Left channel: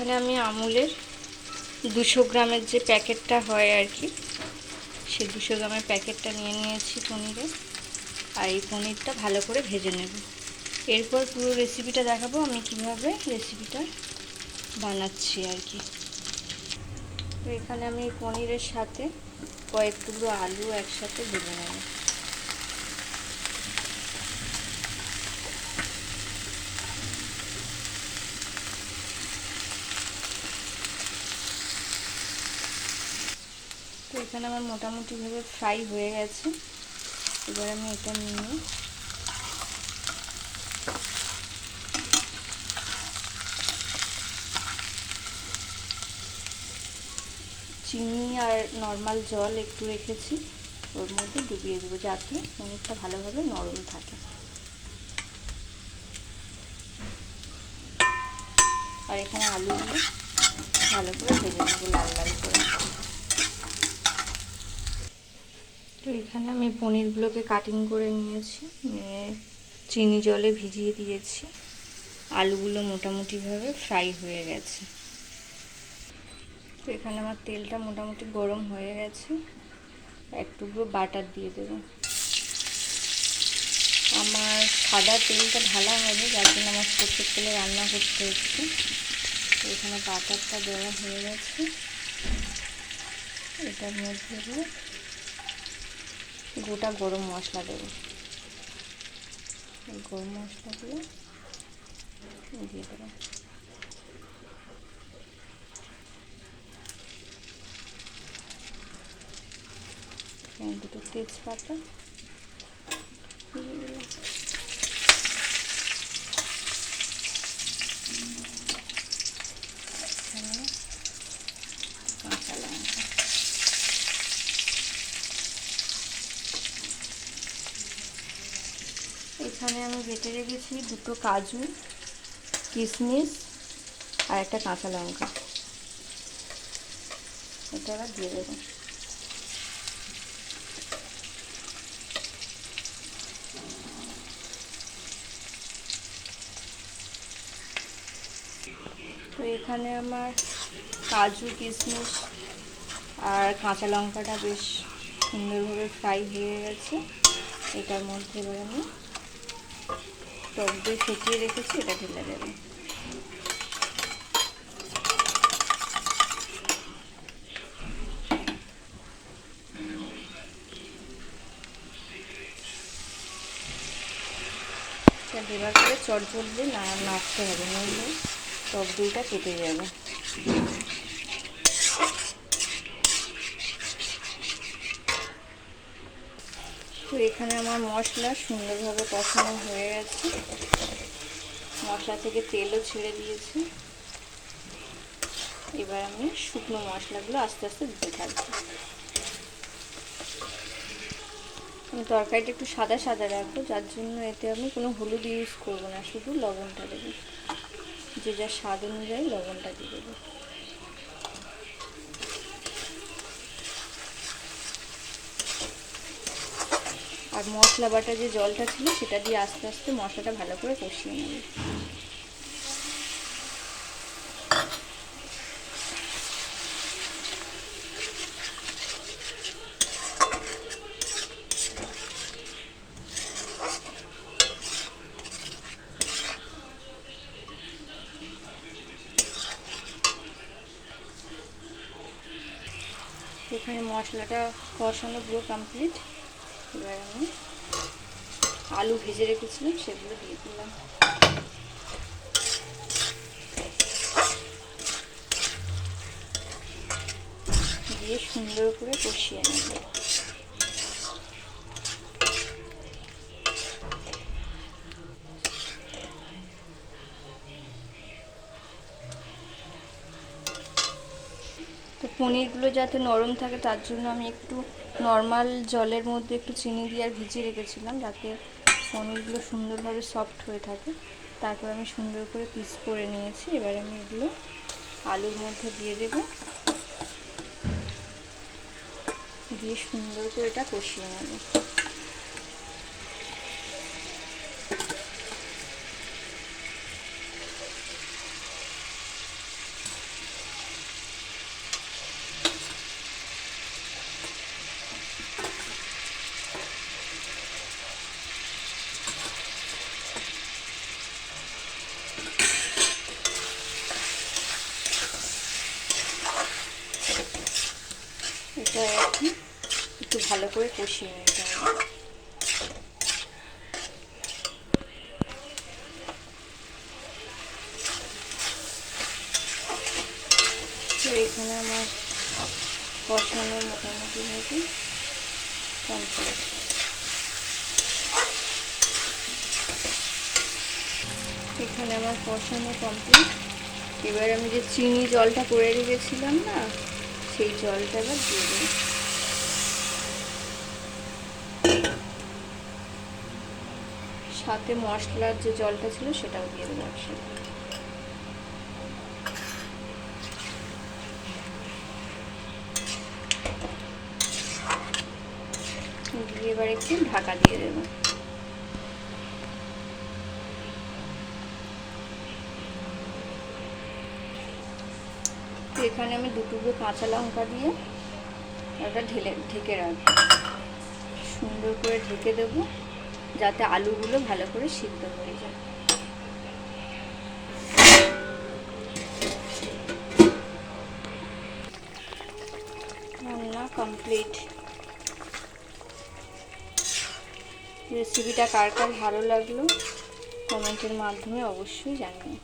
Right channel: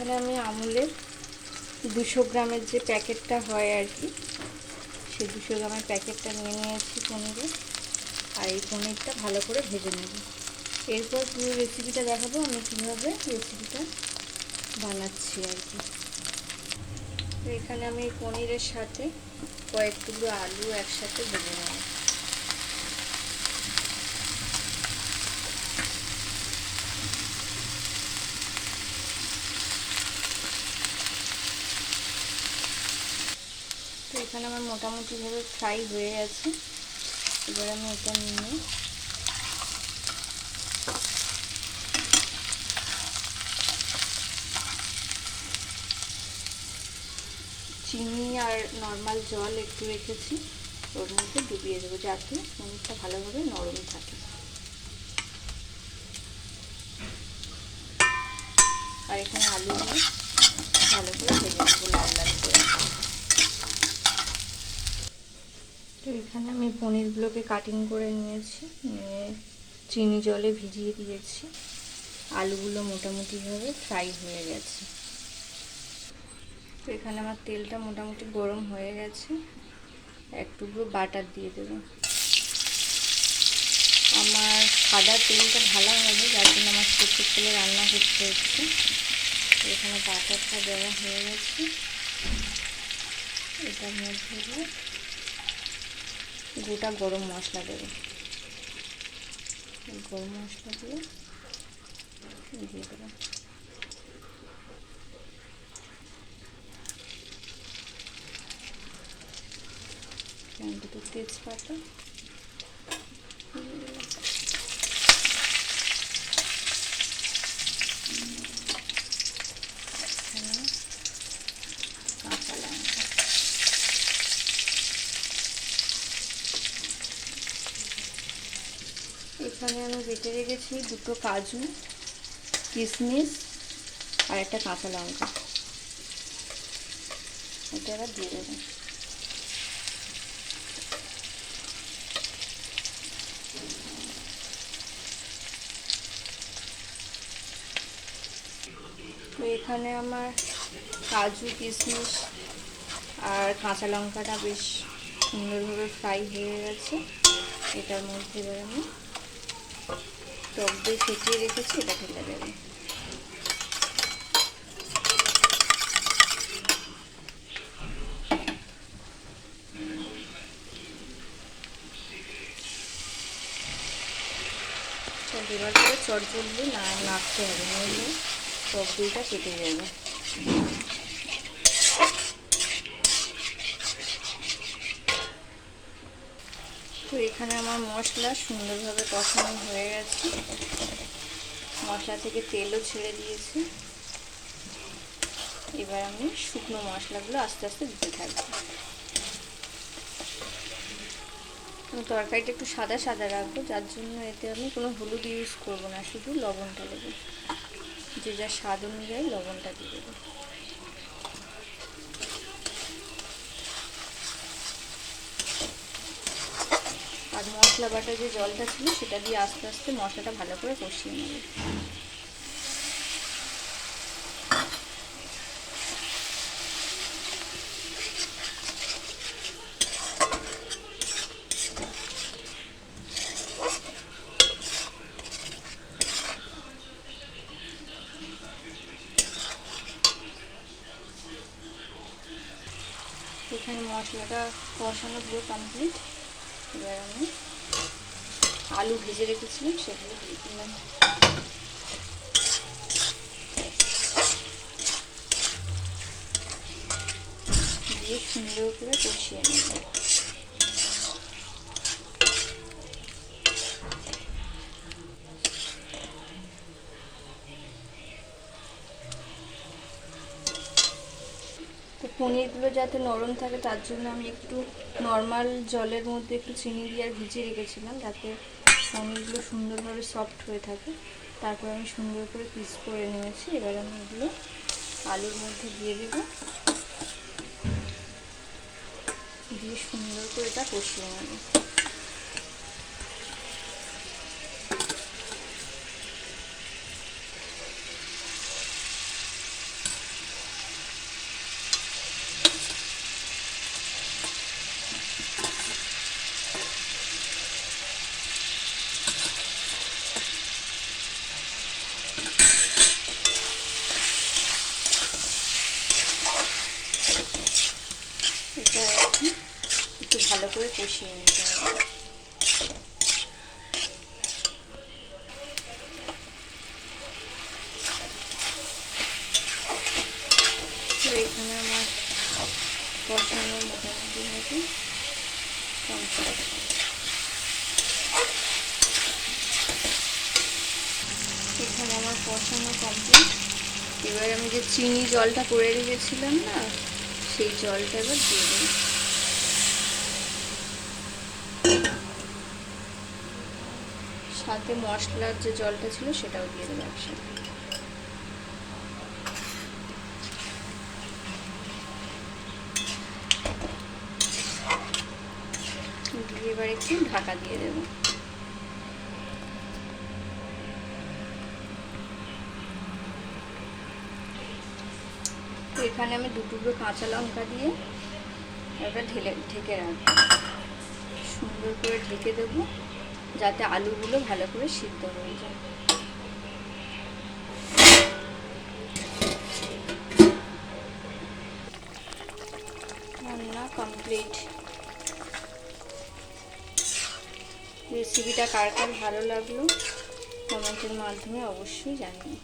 এখানে আমি আমুলের দুশো গ্রামের যে প্যাকেটটা হয় আর কি, সে দুশো গ্রামের প্যাকেটটা নিয়ে নিয়েছি পনিরে। আর এই পনিরটা ভালো করে ভেজে নেব। এরপর পুরো রেসিপিটা দেখাবো, আমি কীভাবে রেসিপিটা বানাচ্ছি আর কি। এখানে আমি পনিরের সাথে কয়েক টুকরো আলু একসাথে ভেজে নেব। এখানে আমার মোটামুটিভাবে ফ্রাই হয়ে গেছে। এবার আমি এটা নিয়ে চিনি আর নর্মাল জল একটু রেখেছি। ওর মধ্যে ডুবিয়ে দেবো যাতে পনিরটা ভালোভাবে নরম থাকে। আর এখানে আলুগুলো ভালো করে ভেজে নেব লাল লাল করে তো এখানে আমি পনিরগুলোকে কাটিং করে নিয়েছি, নিয়ে চিনি জলে ভিজিয়ে দিয়েছি। আলুগুলো মোটামুটিভাবে ফ্রাই হয়ে গেছে। তো এখানে আমার তেলটা মোটামুটি গরম হয়ে গেছে। এক বাটার দিয়ে দেবো। আমার সাদা তেলটা ঢালা হবে যার জন্য আমার সরষের তেলে রান্না করতে হচ্ছে। এখানে বাটারটা দেওয়া হয়ে গেছে। এটার মধ্যে গোটা গরম মশলা দেব। গরম মশলা দিয়ে দিয়ে দেবো। দুটো তেজপাতা কাঁচা লঙ্কা এখানে আমি বেটে রেখেছি দুটো কাজু কিশমিশ আর একটা কাঁচা লঙ্কা। এটা এবার দিয়ে দেবো। তো এখানে আমার কাজু কিশমিশ আর কাঁচা লঙ্কাটা বেশ সুন্দরভাবে ফ্রাই হয়ে গেছে। এটার মধ্যে এবার আমি টক দিয়ে ফেটিয়ে রেখেছি, এটা ঢেলে দেবো। দেবার পরে চটজলদি না নাড়তে হবে, নইলে টক দইটা কেটে যাবে। তো এখানে আমার মশলা সুন্দরভাবে কষানো হয়ে গেছে। মশলা থেকে তেলও ছেড়ে দিয়েছে। এবার আমি শুকনো মশলাগুলো আস্তে আস্তে দিতে থাকব। আমি তরকারিটা একটু সাদা সাদা রাখব, যার জন্য এতে আমি কোনো হলুদ ইউজ করব না, শুধু লবণটা দেবো। যে যা স্বাদ অনুযায়ী লবণটা দিয়ে দেবো। আর মশলা বাটা যে জলটা ছিল, সেটা দিয়ে আস্তে আস্তে মশলাটা ভালো করে কষিয়ে নেবে। এখানে মশলাটা কষানো পুরো কমপ্লিট এবার আমি আলু ভেজে রেখেছিলাম সেগুলো দিয়ে দিলাম। দিয়ে সুন্দর করে কষিয়ে নেব। পনিরগুলো যাতে নরম থাকে, তার জন্য আমি একটু নর্মাল জলের মধ্যে একটু চিনি দিয়ে আর ভিজিয়ে রেখেছিলাম, যাতে পনিরগুলো সুন্দরভাবে সফট হয়ে থাকে। তারপর আমি সুন্দর করে পিস করে নিয়েছি, এবার আমি এগুলো আলুর মধ্যে দিয়ে দেব। দিয়ে সুন্দর করে এটা কষিয়ে নেব। মশলায় একটু ভালো করে কষিয়ে নিতে হবে। তো এখানে আমার কষানো মোটামুটি ভাবে কমপ্লিট এখানে আমার কষানো কমপ্লিট এবার আমি যে চিনি জলটা করে রেখেছিলাম না সেই জলটা এবার দিয়ে দেবো। সাথে মশলার যে জলটা ছিল সেটাও দিয়ে দেবো একসাথে। এবার একটু ঢাকা দিয়ে দেবো। তো এখানে আমি দু টুকরো কাঁচা লঙ্কা দিয়ে ওটা ঢেলে, ঢেকে রাখব। সুন্দর করে ঢেকে দেব, যাতে আলুগুলো ভালো করে সিদ্ধ হয়ে যায়। রান্না কমপ্লিট রেসিপিটা কার কার ভালো লাগল কমেন্টের মাধ্যমে অবশ্যই জানিয়ে